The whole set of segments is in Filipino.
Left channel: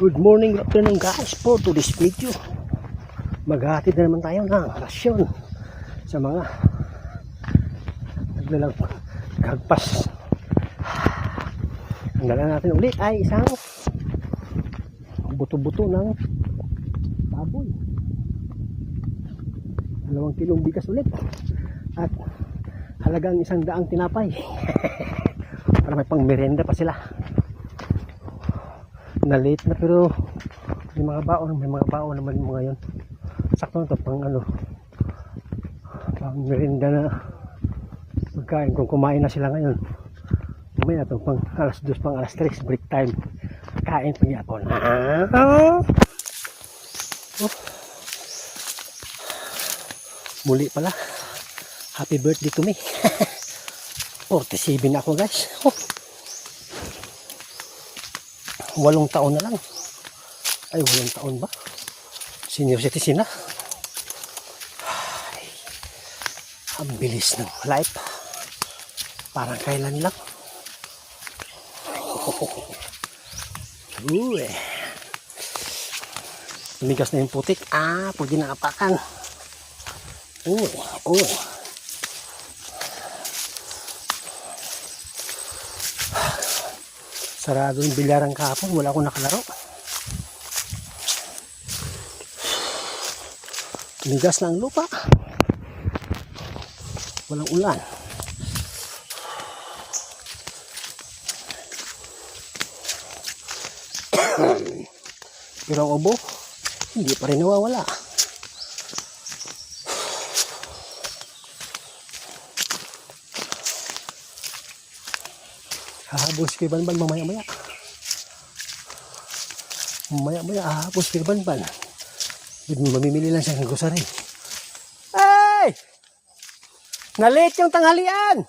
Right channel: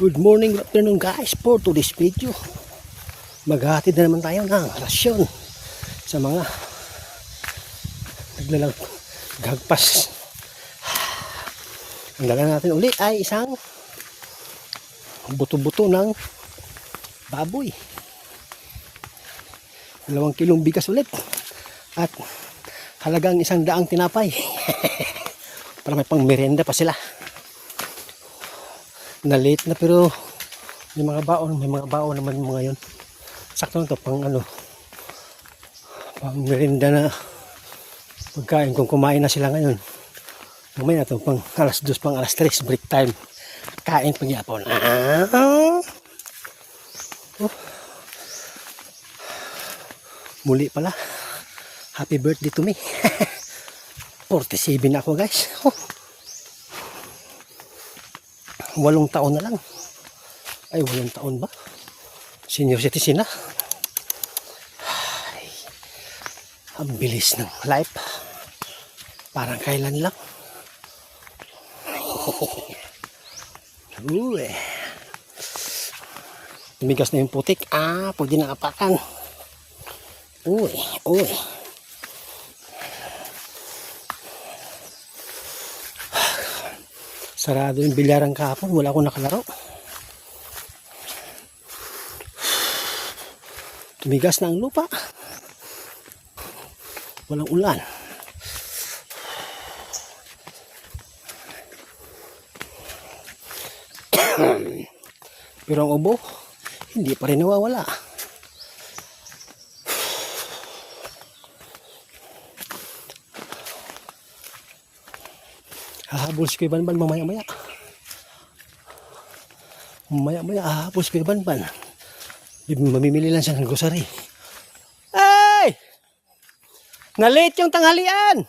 Good morning, good afternoon guys. For today's video, maghahatid na naman tayo ng rasyon sa mga naglalagpas. Ang dala natin ulit ay isang buto-buto ng baboy, 2 kilong bigas ulit, at halagang 100 tinapay para may pang merienda pa sila. Na late na pero may mga baon naman mga yon. Sakto na to pang pang merienda na pagkain kung kumain na sila ngayon. Mamaya na to pang alas 2, pang alas 3 break time, kain pagyapon. Muli pala, happy birthday to me. 47 na ako guys. 8 taon na lang. Ay, 8 taon ba? Senior citizen na. Ay, ang bilis ng life. Parang kailan lang. Uy. Tumigas na yung putik. Pwede na apakan. Uy. Sarado yung bilyaran kahapon, wala akong nakalaro. Tumigas na ang lupa, walang ulan. Pero ang ubo hindi pa rin nawawala. Hahabol si Kuya Banban mamaya-maya. Hahabol si Kuya Banban. Mamimili lang siya ng grocery. Hey! Nalit yung tanghalian!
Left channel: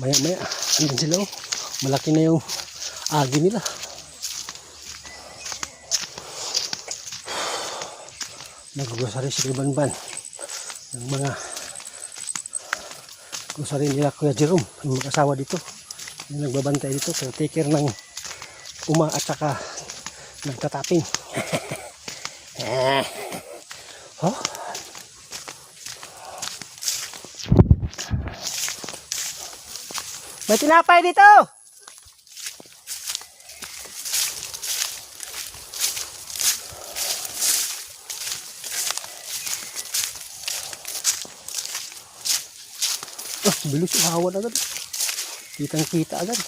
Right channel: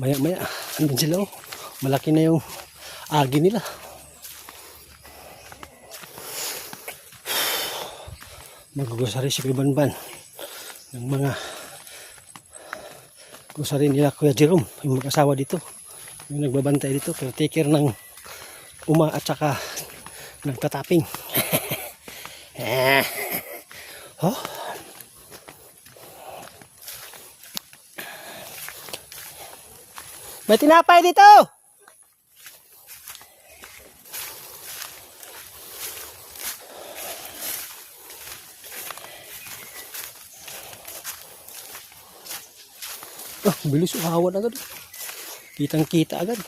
Maya-maya. Andun sila oh. Malaki na yung agi nila. Nag-grocery si Kuya Banban. Yung mga grocery nila Kuya Jerome, yung mag-asawa dito, yung nagbabantay dito, take care ng uma at saka nagtataping. May tinapay dito. Bilis uhawan agad. Kitang kita agad.